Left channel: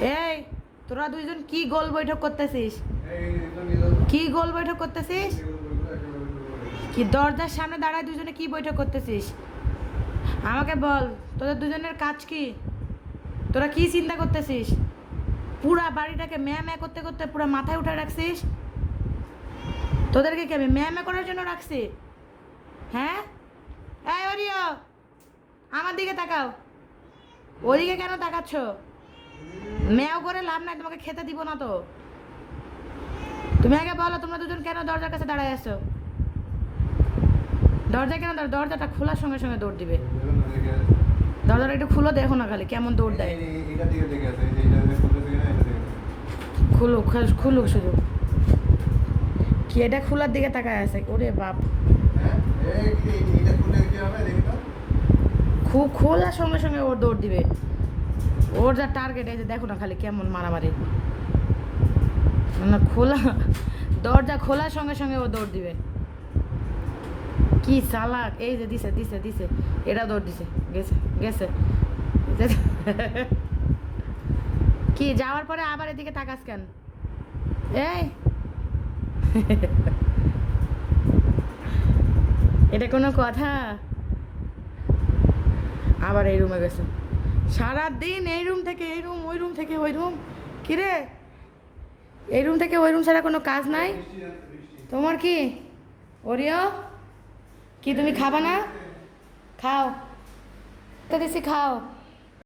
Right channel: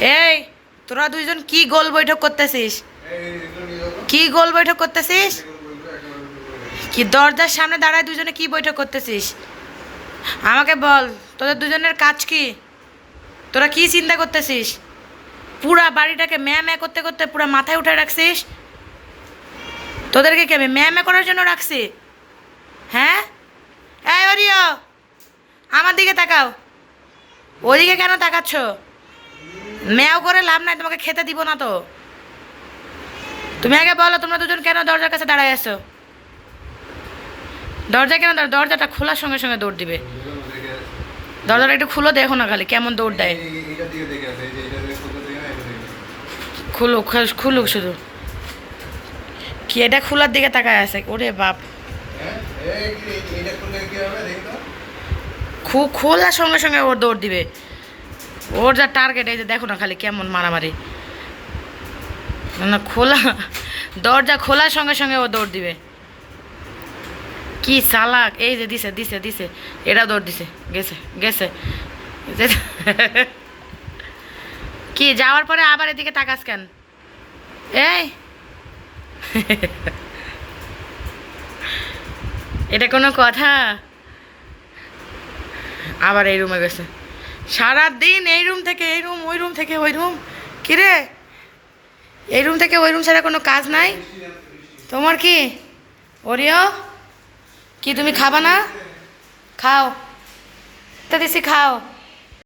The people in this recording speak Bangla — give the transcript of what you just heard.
এই, তোরা দুইজন কি গোল বৈঠক করতেছিস? কি গোল বৈঠক করতেছিস? কি দরজার সামনে দাঁড়ায় দুজনে কি বৈঠক করতেছিস? আমাকে বল, তোদের দুজনের কাজ কি? তোরা কি চিন্তা করতেছিস? পুরা বাড়িটাকে ম্যা ম্যা করতে করতে পুরা মাথায় উঠে রাখছিস? তোদেরকে কি ম্যা ম্যা করার জন্য রাখছি? হ্যাঁ? এই অরিও আমার দিকে তাকাও। ওদিকে কেন তাকাচ্ছ? ম্যাও করে লাভ নাই, তোমাকে খেতে দিব না তো। তুমি আগে বলো, তোমরা দুজন কেন দরজার কাছে দাঁড়ায় আছো? দরজা কেন দরজাটা খোলার সঙ্গে সঙ্গে দৌড় দিবে। দরজাটা একটু খুলো, দেখো না খালি কেমন দৌড় দেয়। খুলুক খুলুক শুধু। কি এটা খোলার দিকে তাকায় আছে? ওরে বাপ। খুব খোলার সঙ্গে সঙ্গে ওর দৌড় দিবে। ওর যা টার্গেট এই যে দেখো না খালি কেমন মারামারি। না, খোলা দরজা খোলার সঙ্গে সঙ্গে ও দৌড় দিবে। কি চালাক এই যে দিছে দিছে দিছে এটা দৌড় দিছে গেছে গেছে। কি যাওয়ার পরে আবার এদিকে তাকাস কেন? এই। এটা কোনো কথা? আবার এই রুমে গেছে। সারা দিন এই রুম থেকে এই রুম ওই রুম থেকে ওই রুম কিরে? এই রুম থেকে ওই রুম ছাড়া কোনো কাজ নাই? তোমার কি? ওরিও? কি তুমি খাবা না? খাও। তা দিছি খাও।